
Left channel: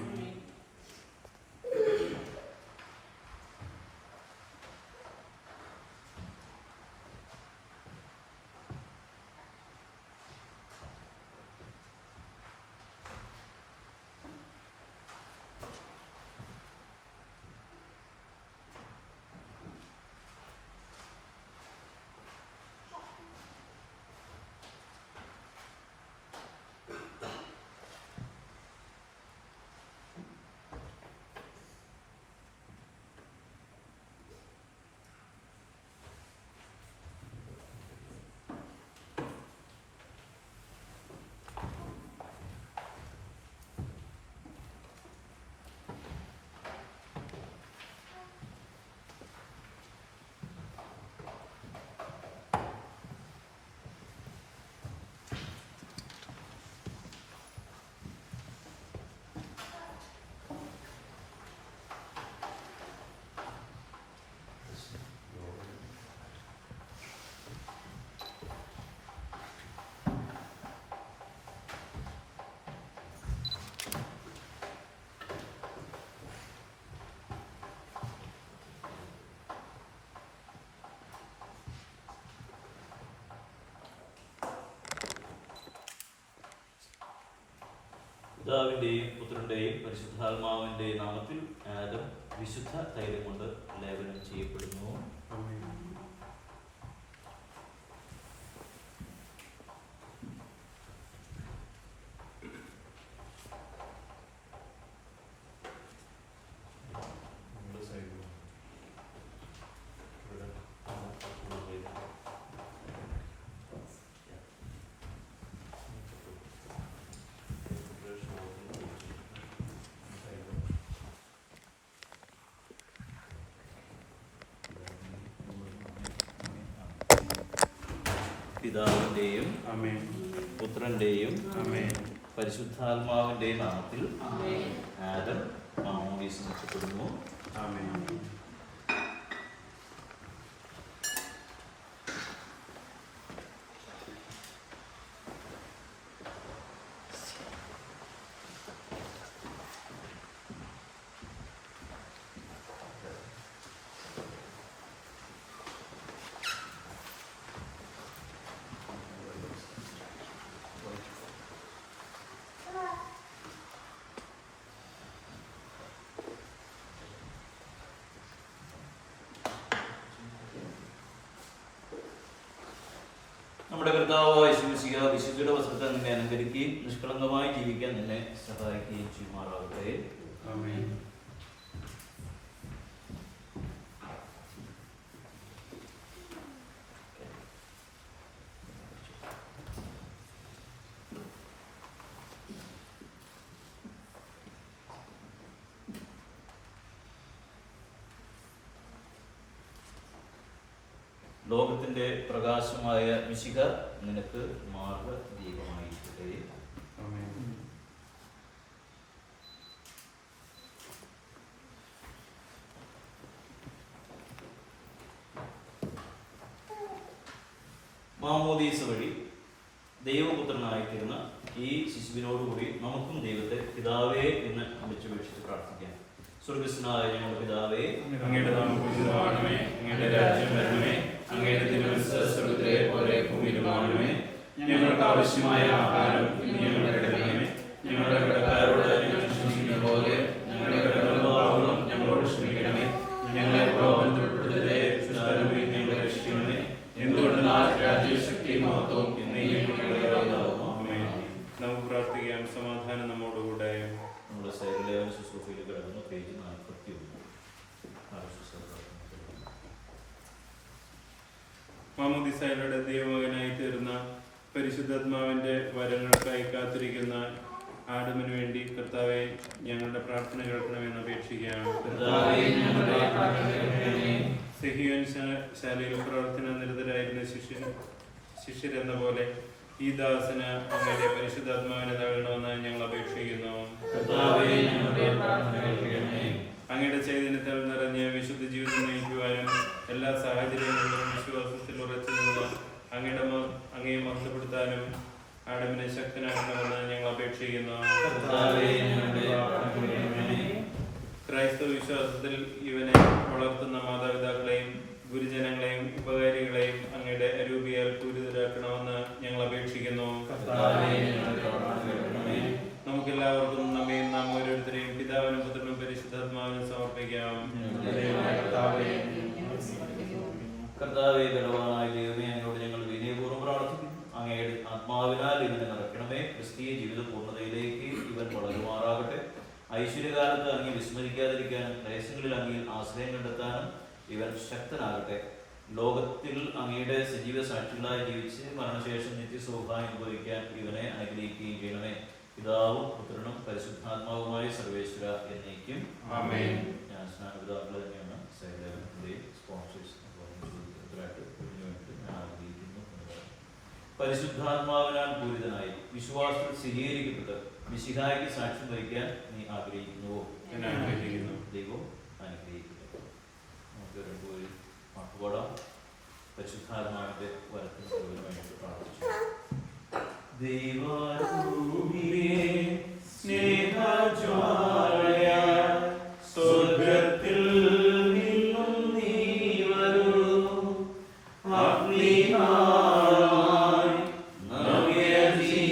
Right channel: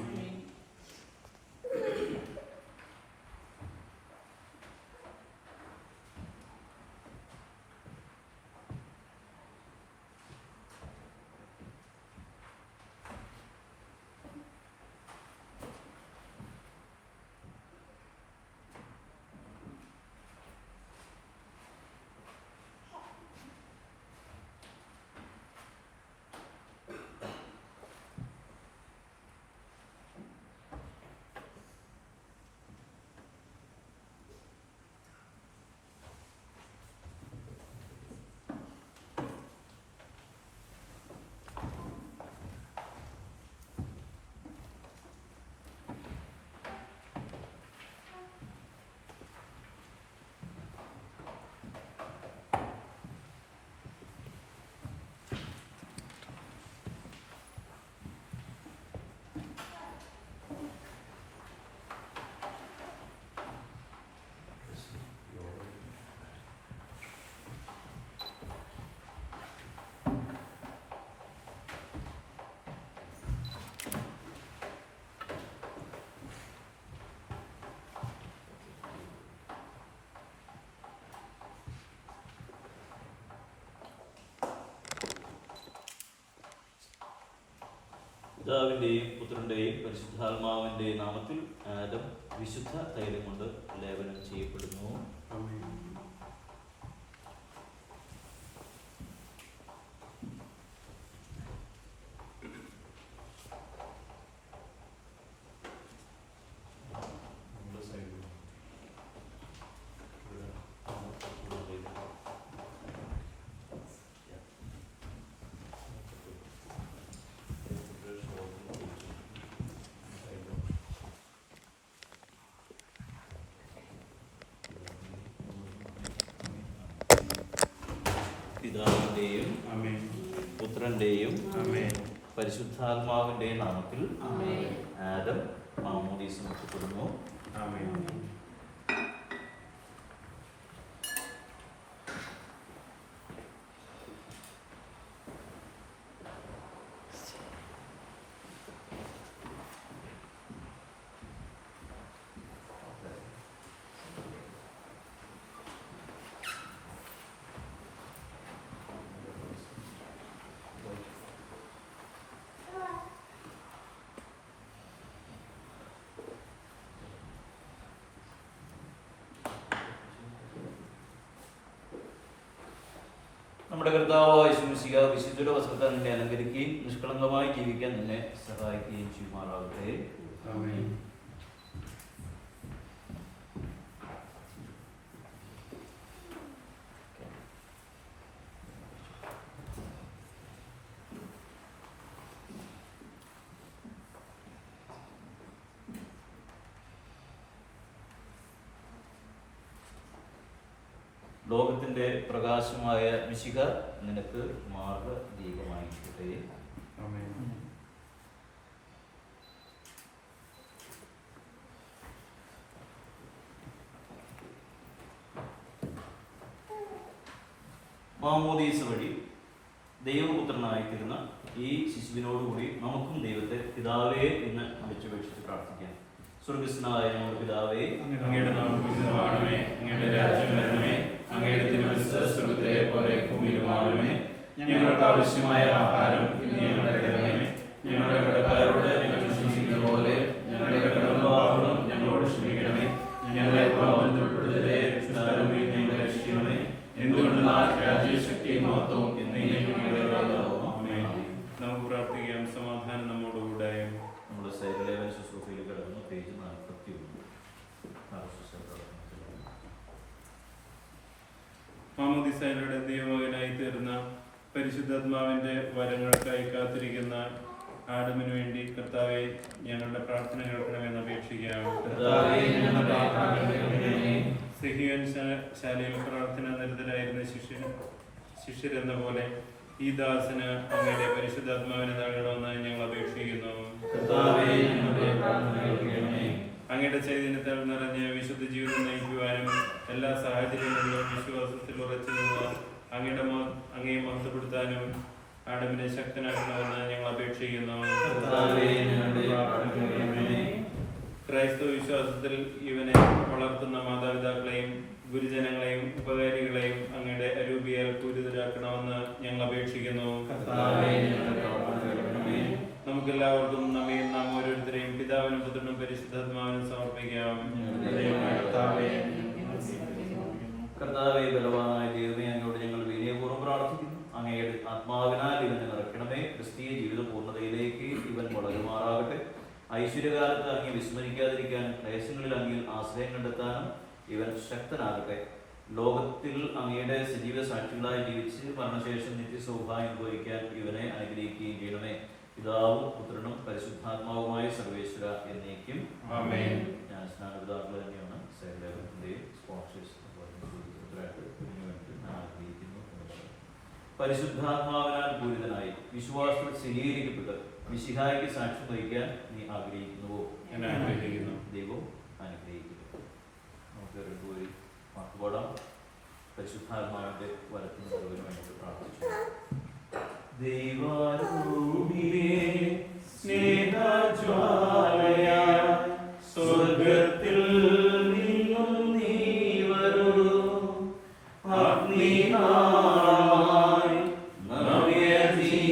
പിതാവിന്റെയും പുത്രന്റെയും പരിശുദ്ധാത്മാവിന്റെ നാമത്തിൽ ആദം വിശുദ്ധ തൈലം കൊണ്ട് ലേപനം ചെയ്യപ്പെടുന്നു. പിതാവിന്റെയും പുത്രന്റെയും പരിശുദ്ധാത്മാവിന്റെ നാമത്തിൽ ആദം മാമോദീസ നടത്തപ്പെടുന്നു. നമ്മുടെ കർത്താവായ യേശുമിശിഹ വിശുദ്ധിയുടെ വസ്ത്രത്താൽ നിന്നെ അലങ്കരിക്കുകയും നിഷ്കളങ്കമായി ജീവിക്കാൻ നിന്നെ സഹായിക്കുകയും ചെയ്യുമാറാകട്ടെ. ആമേൻ. ലോകത്തിന്റെ പ്രകാശമായ മിശിഹ നിനക്ക് മാർഗദീപമായിരിക്കട്ടെ. മാമോദീസ വഴി ദൈവപുത്രനായിത്തീരുന്ന ഈ ശിശുവിനോടുകൂടി നമുക്കും ദൈവത്തെ പിതാവേ എന്ന് വിളിച്ചപേക്ഷിച്ച് പ്രാർത്ഥിക്കാം. സ്വർഗസ്നായ ഞങ്ങളുടെ പിതാവേ, അങ്ങയുടെ നാമം പൂജിതമാകണമേ, അങ്ങയുടെ രാജ്യം വരണമേ, അങ്ങയുടെ തിരുമനസ്സ് സ്വർഗ്ഗത്തിലെ പോലെ ഭൂമിയിലുമാകണമേ. ഞങ്ങൾക്ക് ആവശ്യമായ ആഹാരം ഇന്ന് ഞങ്ങൾക്ക് തരണമേ. ഞങ്ങളുടെ കടക്കാരോട് ഞങ്ങൾ ക്ഷമിക്കുന്ന പോലെ ഞങ്ങളുടെ കടപ്പാടുകളും ഞങ്ങളോട് ക്ഷമിക്കണമേ. ഞങ്ങളെ പ്രലോഭനത്തിൽ ഉൾപ്പെടുത്തരുതേ, ദുഷ്ടാരൂപിയിൽ നിന്ന് ഞങ്ങളെ രക്ഷിക്കണമേ. എന്തുകൊണ്ടെന്നാൽ രാജ്യവും ശക്തിയും മഹത്വവും എന്നേക്കും ഞങ്ങളുടേതാകുന്നു. ആമേൻ. നമുക്ക് പ്രാർത്ഥിക്കാം. സമാധാനം നമ്മോടുകൂടെ. നമ്മുടെ സൈലലേവന ശുശ്രൂഷയിൽ കിടക്കുന്ന പേജ് 41. മാമോദീസയിലൂടെ ദൈവമകനായി തീർന്ന പരിശുദ്ധാത്മാവിന്റെ വരങ്ങൾക്കായി കാത്തിരിക്കുന്ന ആദമിനു വേണ്ടി കർത്താവെ ഞങ്ങളുടെ പ്രാർത്ഥന കേൾക്കണമെന്ന് അപേക്ഷിക്കാം. സിഹിയോൻ ശാലയിൽ പ്രവർത്തന നിരതരായിരുന്ന ശിഷ്യരെന്ന പോലെ ഈ ദാസന് അങ്ങയുടെ പരിശുദ്ധാത്മാവിനെ നൽകണമെന്ന് ഞങ്ങൾ അപേക്ഷിക്കുന്നു. അങ്ങയുടെ ചൈതന്യത്താൽ നിറഞ്ഞ് വിശുദ്ധ ജീവിതം നയിക്കുവാനും എല്ലാ സാഹചര്യങ്ങളിലും വിശ്വാസത്തിൽ ഉറച്ചു നിന്ന് അങ്ങയെ മഹത്വപ്പെടുത്താനും ആദമിനെ ശക്തനാക്കണമെന്ന് ഞങ്ങൾ അപേക്ഷിക്കുന്നു. ക്രൈസ്തവ വിശ്വാസത്തിൽ ഇവനെ വളർത്തുന്ന മാതാപിതാക്കളെയും ഗുരുജനങ്ങളെയും ഉപകാരികളെയും അങ്ങയുടെ അരൂപിയാൽ പൂരിതരാക്കണമെന്ന് ഞങ്ങൾ അപേക്ഷിക്കുന്നു. നമുക്കെല്ലാവർക്കും നമ്മയും നാം ഓരോരുത്തരെയും പിതാവിനും പുത്രനും പരിശുദ്ധാത്മാവിനും സമർപ്പിക്കാം. കർത്താവേ, ബലവാനായ ദൈവമേ, അങ്ങയോട് ഞങ്ങൾ വിനയപൂർവ്വം പ്രാർത്ഥിക്കുന്നു. അങ്ങയുടെ ആത്മാവിനാൽ ഇവനെ നിറയ്ക്കണമേ. ക്രിസ്തീയ ജീവിത പൂർണ്ണതയിലേക്ക് ഇവൻ വളരുമാറാകട്ടെ. ഐശ്വര്യകാലത്ത് അങ്ങേ വിസ്മരിക്കാതിരിക്കാനും ക്ലേശങ്ങളിൽ അങ്ങയിൽ ആശ്രയം കണ്ടെത്താനും ഇവൻ ശക്തനാകട്ടെ. ലോകത്തിൽ അങ്ങയുടെ സജീവ സാക്ഷികളായി ജീവിച്ച് മരണശേഷം നിത്യസൗഭാഗ്യം അനുഭവിക്കാൻ ഇവനെ അനുഗ്രഹിക്കുകയും ചെയ്യണമേ. പിതാവും പുത്രനും പരിശുദ്ധാത്മാവുമായ സർവേശ്വര എന്നേക്കും ആമേൻ. ഞാൻ സ്നാനപിതാക്കൾ തന്നെയാണ് സൈലലേവന്റെയും സ്പോൺസേഴ്സ് പരിശുദ്ധാത്മാവിനാൽ പൂരിതനായി വിശ്വാസത്തിൽ സ്ഥിരീകരിക്കപ്പെട്ട് മിശിഹായ്ക്ക് സാക്ഷ്യം വഹിക്കാൻ നീ ആഗ്രഹിക്കുന്നുവോ? ദൈവം അനുഗ്രഹിക്കട്ടെ. നമുക്ക് രണ്ടുപേരും പാട്ടുപാടാം. പരിശുദ്ധാത്മാവിന്റെ വരത്തിന് മുഴുവനും വേണ്ടി പ്രാർത്ഥിച്ചു. ദൈവാരൂപിയേ സ്നേഹജ്വാലയ സ്വർഗ്ഗത്തിൽ നിന്നും നീ വരൂ. അഗ്നിനായി നവ്യജീവനായി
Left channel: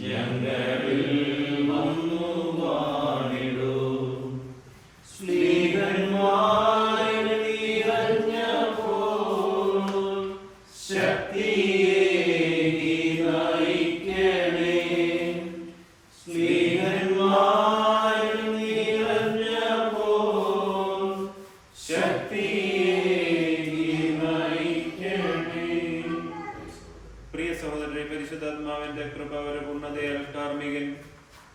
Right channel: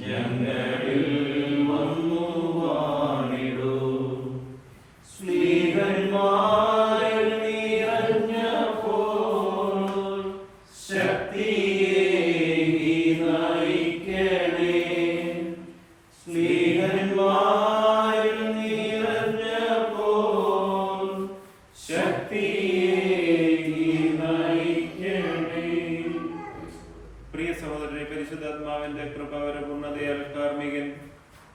ഞങ്ങളിൽ വന്നു വാണിടൂ. സ്നേഹന്മാരിൽ നിറഞ്ഞപ്പോൾ ശക്തിയെ നയിക്കണേ. സ്നേഹന്മാരിൽ നിറഞ്ഞപ്പോൾ ശക്തിയെ നയിക്കണേ. പ്രിയ സഹോദരനെ, പരിശുദ്ധാത്മാവിന്റെ കൃപാവരപൂർണ്ണതയാൽ കാർമികൻ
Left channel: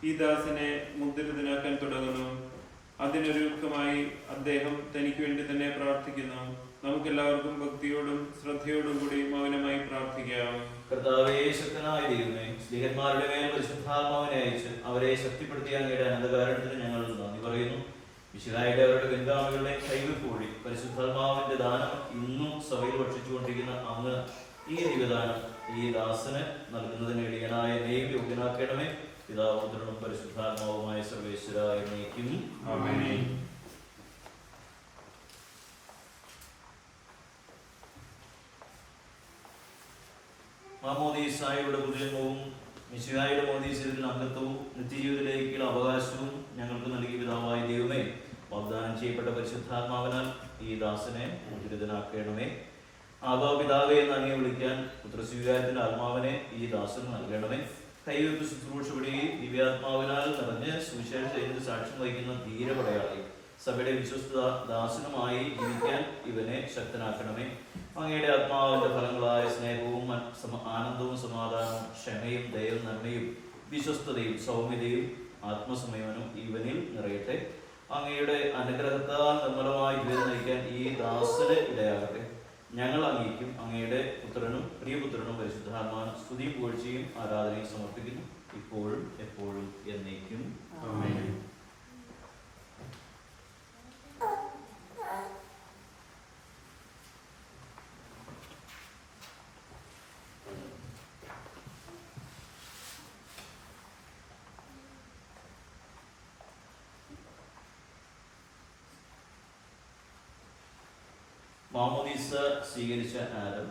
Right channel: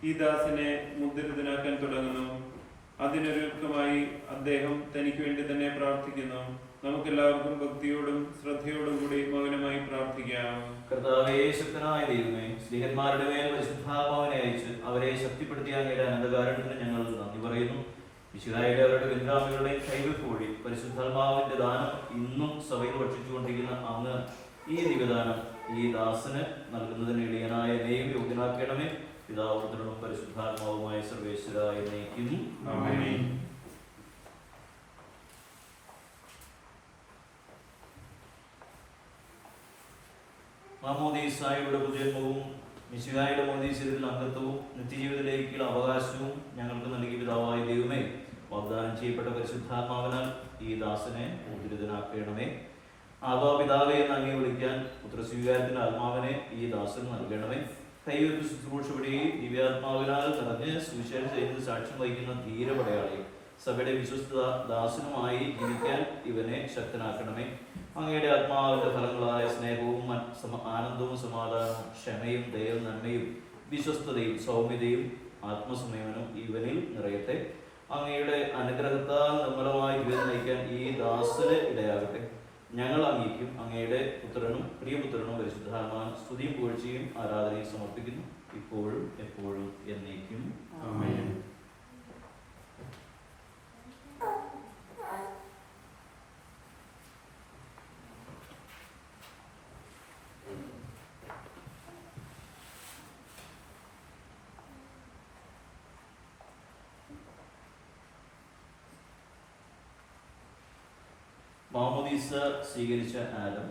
ഈ ദാസനെ മുദ്രിതനാക്കാൻ തുടങ്ങുന്നു. അതിനൊരുക്കമായി അദ്ദേഹം തനിക്ക് വേണ്ടി തന്നെ പ്രാർത്ഥിക്കുന്നു. നമുക്കെല്ലാവർക്കും ഭക്തിയോടും ശ്രദ്ധയോടും കൂടി മൗനമായി പ്രാർത്ഥിക്കാം. കർത്താവേ, ശക്തനായ ദൈവമേ, സ്നേഹന്മാരുടെ മേൽ പരിശുദ്ധാത്മാവിനെ അയച്ച് അവരെ ശക്തിപ്പെടുത്തിയ അങ്ങയുടെ അനന്തകാരണത്തിന് ഞങ്ങൾ നന്ദി പറയുന്നു. മിശിഹായുടെ അവരുടെ പിൻഗാമികളുടെ കൈവെപ്പ് വഴി പരിശുദ്ധാത്മാവിന്റെ ദാനം ഇന്നും സഭയിൽ ഭക്ഷിച്ചുകൊണ്ടിരിക്കുന്ന അങ്ങ് ഈ ദിവ്യദാനം ഈ ദാസന് നൽകുന്നതിന് എളിയനായ എന്നെയും യോഗ്യനാക്കണമേ. പിതാവും പുത്രനും പരിശുദ്ധാത്മാവുമായ സർവേശ്വര എന്നേക്കും ആമേൻ. മാമോദീസായുടെ പുതുജന്മവും മിശിഹായുടെ മോദീശ്വരത്തിൽ അംഗത്വവും നിത്യജീവിതത്തിലേക്കുള്ള അവകാശവും ഞങ്ങൾക്ക് നൽകിയ പിതാവായ ദൈവമേ, വാഗ്ദാനം ചെയ്യപ്പെട്ട പരിശുദ്ധാത്മാവിനാൽ ഈ ദാസനെ ഉദ്രിതനാക്കണമേ. ആബാ പിതാവേ എന്ന് അങ്ങേ വിളിക്കാൻ പുത്രസ്വീകാരത്തിന്റെ ആത്മാവിനെ ഈ ദാസന് നൽകണമേ. കൈവെപ്പ് ശുശ്രൂഷ വഴി ദിവ്യാത്മാവിനാൽ നിറഞ്ഞ് സുവിശേഷ സൈന്യത്തിൽ സാക്ഷ്യം വഹിക്കുന്ന ധീരപടയാളി സഭയുടെ വിശ്വസ്ത ദാസനുമായി ജീവിക്കാൻ ഇവനെ ശക്തനാക്കണമേ. അങ്ങയുടെ ആത്മാവിന്റെ ഫലങ്ങളായ സ്നേഹവും ആനന്ദവും സമാധാനവും ക്ഷമയും ദയവും നന്മയും വിശ്വസ്തതയും സൗമ്യതയും ആത്മസംയമനവും ഇവനിൽ നിറയട്ടെ. അങ്ങയുടെ അനുഗ്രഹത്താൽ നിർമ്മലമായി ജീവിതം നയിക്കാൻ ഈ ദാസന് ഇടയാകട്ടെ. ഞങ്ങൾ അങ്ങേക്കും അങ്ങയുടെ പുത്രനും പ്രിയപുത്രനും പരിശുദ്ധാത്മാവിനും സ്തുതിയും പുകഴ്ചയും ആരാധനയും സമർപ്പിക്കുന്നു, ഇപ്പോഴും എപ്പോഴും എന്നേക്കും ആമേൻ. മാമോദീസ സ്വീകരിച്ച ആദം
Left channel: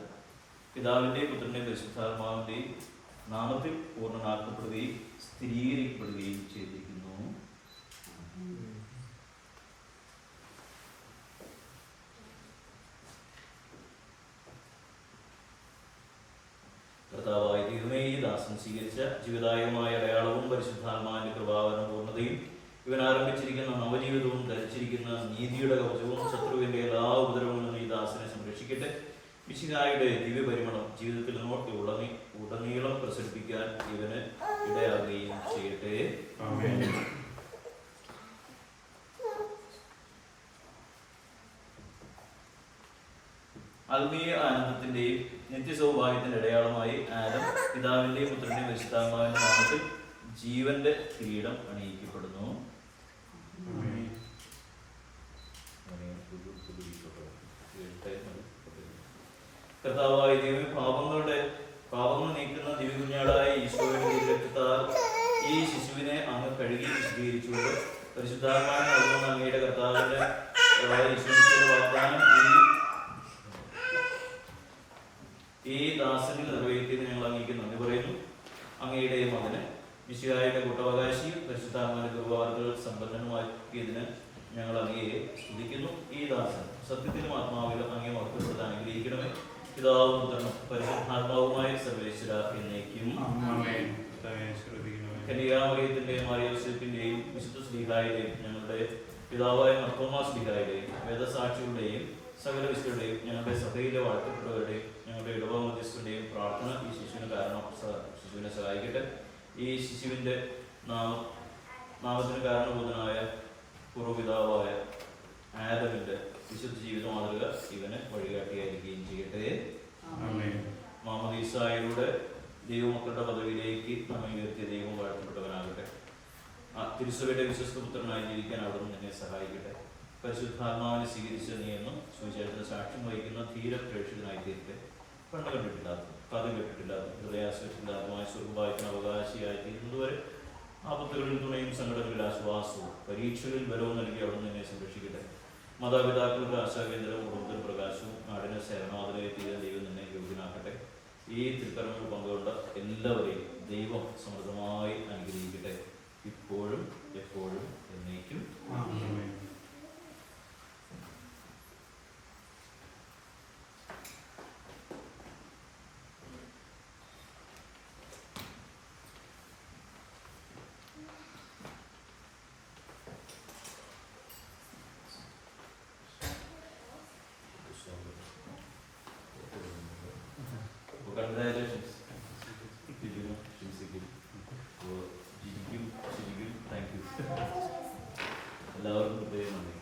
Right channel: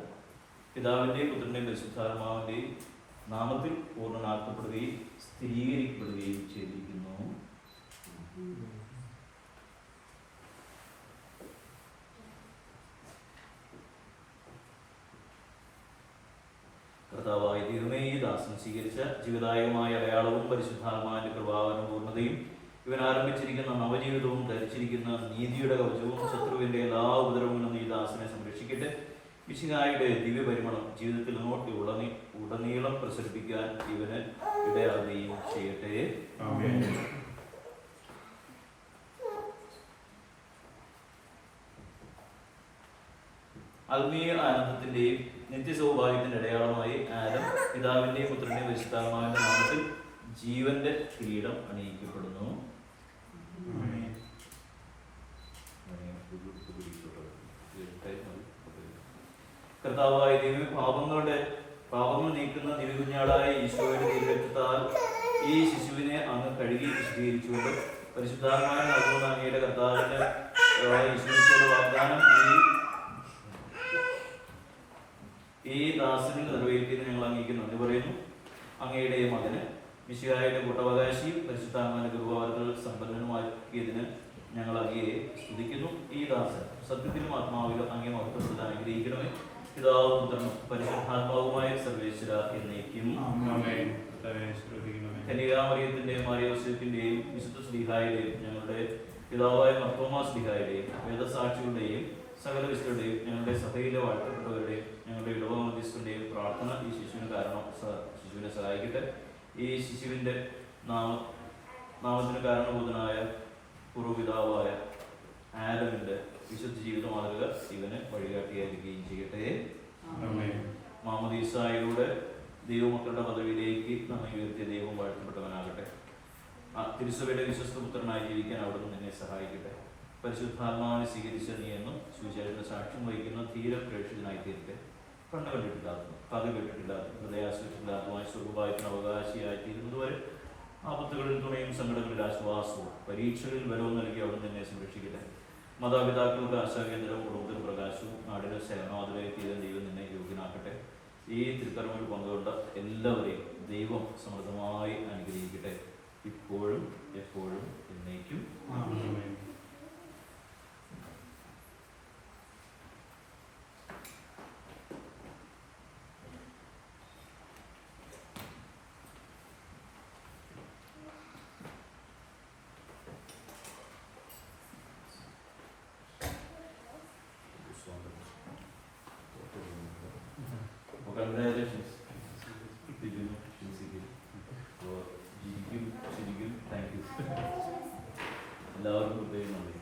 പിതാവിൻ്റെയും പുത്രൻ്റെയും പരിശുദ്ധാത്മാവിൻ്റെയും നാമത്തിൽ പൂർണ്ണനാക്കപ്പെടുകയും സ്ഥിരീകരിക്കപ്പെടുകയും ചെയ്തിരിക്കുന്നു. കർത്താവായ ദൈവമേ, ഈ ദാസൻ സ്വീകരിച്ച ജീവിതായകമായ അടയാളവും പരിശുദ്ധാത്മാവിന്റെ കൃപാവനം പൂർണ്ണതയും ഇവൻ ആരംഭിച്ചിരിക്കുന്ന നവജീവിതവും ധരിച്ചിരിക്കുന്ന നീതിയുടെ കവചവും ശത്രുവിന്റെ എല്ലാ ഉപദ്രവങ്ങളും ഈ ദാസനെ സംരക്ഷിക്കട്ടെ. മിശിഹായുടെ ദിവ്യപരിമളം ജീവിതത്തിൽ ഉടനീളം പ്രസരിപ്പിക്കാൻ ഇവന് ഇടയാകുകയും ചെയ്യട്ടെ. ആത്മീയ ആനന്ദത്തിന്റെയും നിത്യസൗഭാഗ്യത്തിന്റെ അടയാളമായി ആദം പിതാവിന്റെയും പുത്രന്റെയും പരിശുദ്ധാത്മാവിന്റെ നാമത്തിൽ ജീവന്റെ കിരീടം അണിയിക്കപ്പെടുന്നു. കർത്താവായ ദൈവം പാപങ്ങൾ നീക്കുന്ന ദിവ്യകുഞ്ഞാടായ ഈശോയുടെ തിരുരക്തത്താൽ ഈ ശിശുവിനെ അങ്ങ് കഴുകി വിശദീകരിച്ചുകൊണ്ട് പരിശുദ്ധാത്മാവിനെ നൽകുന്ന അങ്ങയുടെ കർത്താവിന്റെ ഈശോയുടെ വാഗ്ദാനം ഈ ദാസനിൽ നിറവേറ്റിയത് ഞങ്ങൾ അങ്ങേക്ക് നന്ദി പറയുന്നു. അങ്ങയുടെ മകന് മിശിഹായുടെ കൂട്ടവകാശിയും പരിശുദ്ധാത്മാവിന്റെ കൃപാവരങ്ങൾ സമ്പന്നനുമാക്കിയതിന് ഞങ്ങൾ അങ്ങയെ സ്തുതിക്കുന്നു. ഈ ദാസൻ സത്യത്തിലും ആത്മാവിലും അങ്ങേ മഹത്വപ്പെടുത്താൻ അനുഗ്രഹിക്കണമേ. പിതാവും പുത്രനും പരിശുദ്ധാത്മാവുമായ സർവേശ്വര എന്നേക്കും. കന്യകാമറിയത്തിന്റെയും മാറിയോസേപ്പിന്റെയും വിശുദ്ധ ശ്ലീഹായുടെയും ഞങ്ങളുടെ പിതാവായ മർത്തോമാ ശ്ലീഹായുടെയും വേദസാക്ഷികളുടെയും സകല വിശുദ്ധരുടെയും ഞങ്ങളുടെ സഭയിലെ വാഴ്ത്തപ്പെട്ടവരുടെയും ഞങ്ങളുടെ ഇടവ മധ്യസ്ഥന്റെയും പ്രാർത്ഥന ഈ ശിശുവിനെ സഹായിക്കട്ടെ. ഈ ശിശുവിന്റെ നാമത്തിന് കാരണഭൂതനായ പൂർവ്വപിതാവായ ആദമിന്റെ വിശുദ്ധ ജീവിത മാതൃക ഇവന് വഴികാട്ടിയായിരിക്കുകയും ചെയ്യട്ടെ. മാമോദീസായിലൂടെ ദൈവമക്കളുടെ പദവിയിലേക്ക് നമ്മെ ഉയർത്തിയ ദൈവം വാഴ്ത്തപ്പെട്ടവനാകട്ടെ. തിരുസഭയുടെ വിശ്വസ്ത പുത്രനായി ജീവിക്കാൻ അവിടുന്ന് നിന്നെ സഹായിക്കട്ടെ. പരിശുദ്ധാത്മാവിനെ സ്വീകരിച്ച നീ എന്നും സുവിശേഷത്തിന് സാക്ഷ്യം വഹിക്കുന്ന ധീര പ്രേക്ഷിതനായി തീരട്ടെ. കണ്ണു കണ്ടിട്ടില്ലാത്ത, കഥ കേട്ടിട്ടില്ലാത്ത, ഹൃദയാശ്വസിച്ചില്ലാത്തതുമായ സ്വർഗഭാഗ്യത്തിന് അവകാശിയായി തീരുന്നതുവരെ ആപത്തുകളിൽ തുണയും സങ്കടങ്ങളിൽ ആശ്വാസവും പരീക്ഷകളിൽ ബലവും നൽകി അവിടുന്ന് നിന്നെ സംരക്ഷിക്കട്ടെ. മാതാപിതാക്കൾക്ക് ആശാകേന്ദ്രവും കുടുംബത്തിന് പ്രകാശവും നാടിന് സേവനവാതിലായി തീരാൻ ദൈവം നിന്നെ യോഗ്യനാക്കട്ടെ. ഈ തിരുക്കർമ്മത്തിൽ പങ്കുകൊണ്ട എല്ലാവരെയും ദൈവം സമൃദ്ധമായി അനുഗ്രഹിക്കട്ടെ, ഇപ്പോഴും എപ്പോഴും എന്നേക്കും. Congratulations. Thank you. എല്ലാവർക്കും പ്രത്യേകം നന്ദി.